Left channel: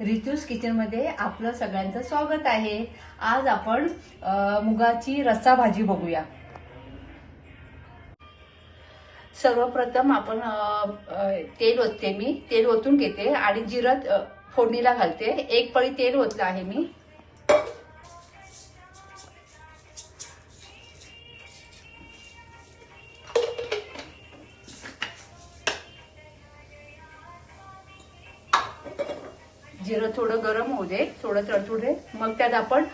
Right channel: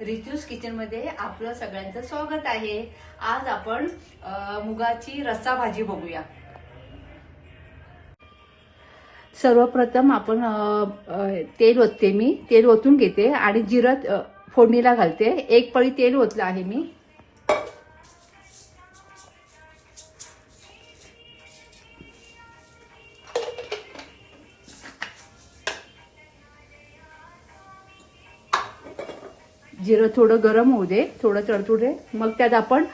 रितूज kitchen मध्ये आपलं सगळ्यांचं स्वागत आहे। आज आपण मुगाची रस्सा भाजी बघूया। सर्वप्रथम आपण तेल ओतते, मी तेल ओतून घेते आणि जिरं फोडणीला घालते। एक पळी तेल ओतलं आहे मी। जिरं थोडं गरम होऊ दे, थोडं तळतू दे। मग त्यात आपण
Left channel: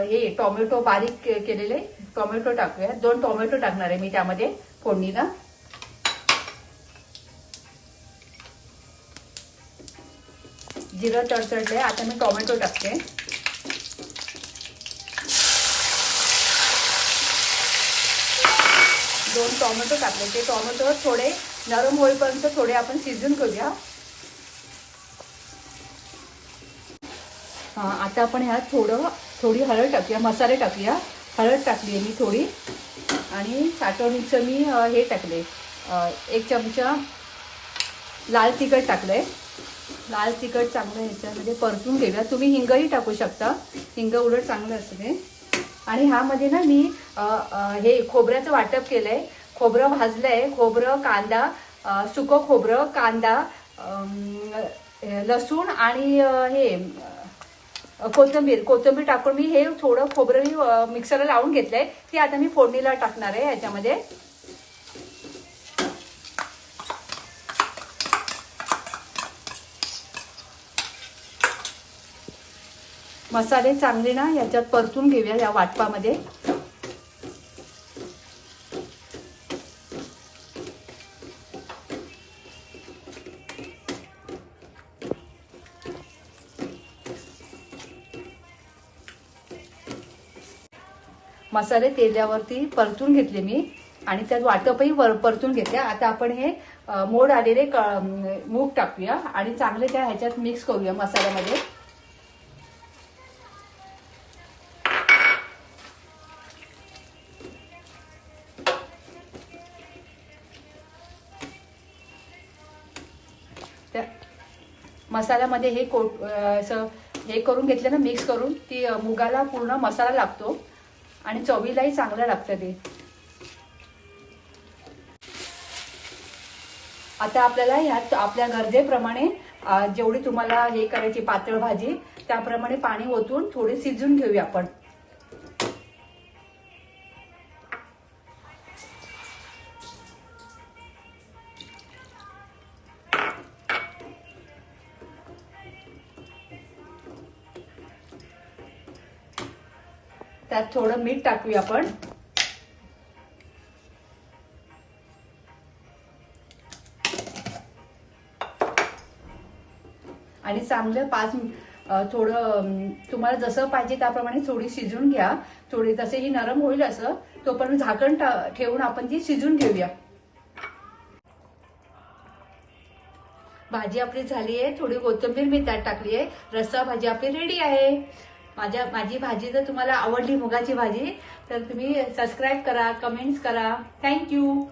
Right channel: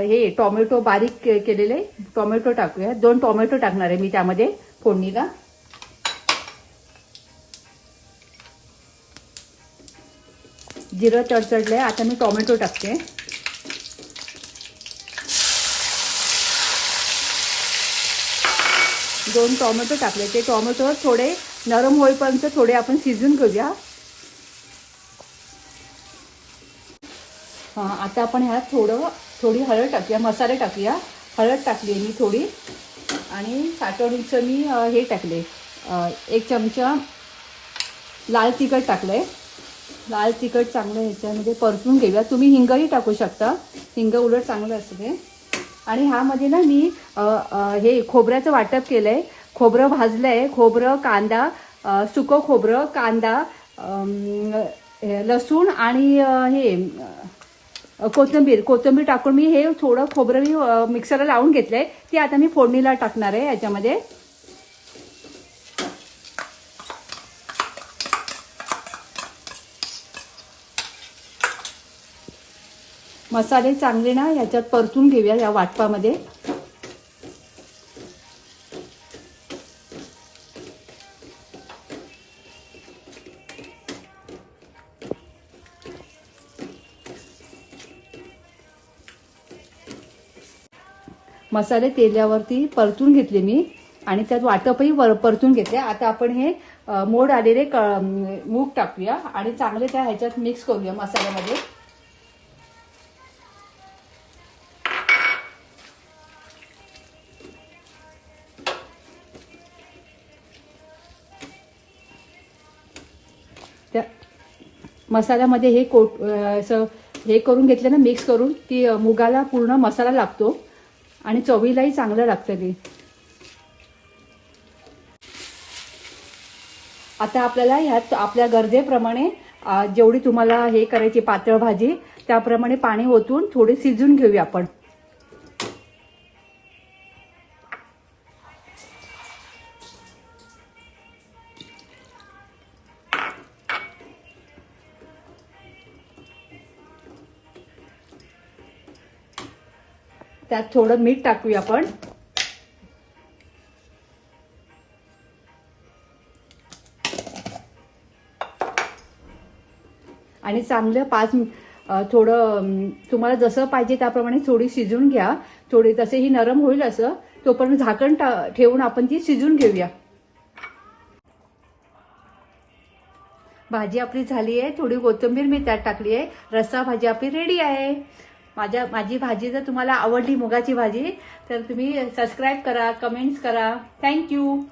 हे टोमॅटो बारीक केलेले टोमॅटो टाकूया। 2 टोमॅटो टाकणार आहे मी त्यामध्ये फोडणीला। जिरं तडतडले, आता मी टोमॅटो टाकते। दोन टोमॅटो टाकले, ते टोमॅटो थोडे नरम होईपर्यंत थोडे आपण शिजून घेऊया। आता आपण ह्यात थोडी हळद टाकूया, मसाले टाकूया। हळद टाकली आहे मी थोडी आणि साठवणीचं मी हे टाकले, 1 चमचा लाल तिखट टाकलंय। लाल तिखट चांगलं ह्याच्यामध्ये परतून घेऊया। तुम्ही हिंगही टाकू शकता, हिंग उलट चांगलं असते। आणि ह्यामध्ये ना मी हे खोबऱ्याचं वाटप केलंय। खोबरं भाजलंय, खोबरं, कांदा, सुकं खोबरं, कांदा, लसूण आणि हे कोथिंबीर टाकून मी हे थोडं खोबरं मी मिक्सरला लावून घेतलंय। ते आता मी फोडणीला टाकणार आहे याच्यामध्ये। मसाले चांगले ना ह्याच्यात परतून घेऊया या वाटपामध्ये। मसाले तेलावरती परतून घेतले मी आणि त्यात वाटपही परतून घेतले। आता आपण हे मोड आलेले मूग टाकूया आणि चांगले त्या ह्याच्यात मिक्स करूया मसाल्यामध्ये। त्या मसाल्यामध्ये हे करून घेतले ना, मिक्स करून, की मुगाला पूर्ण मसाला लागतो आणि चवीलाही चांगलं लागतं ते। आता आपल्याला ह्यात आपल्या गरजेप्रमाणे जेवढी तुम्हाला हे करायची पातळ भाजी त्याप्रमाणे पाणी ओतून थोडे शिजून घेऊया आपण। त्यात थोडं मीठ टाकूया आपण आणि चांगलं थोडं तुम्हाला जसं पाहिजे त्याप्रमाणे थोडी शिजून घ्या। थोडी जसे ही नरम होईल असं तोपर्यंत झाकण ठेवून आपण ती शिजून घेऊया। भाजी आपली झाली आहे, थोडी कोथिंबीर मी त्यात टाकली आहे। रस्सा भाजी आपली रेडी आहे। माझी भाजी जर तुम्हाला आवडली मुगाची भाजी तर तुम्ही सबस्क्राईब करा, कमेंट्स करा। थँक्यू।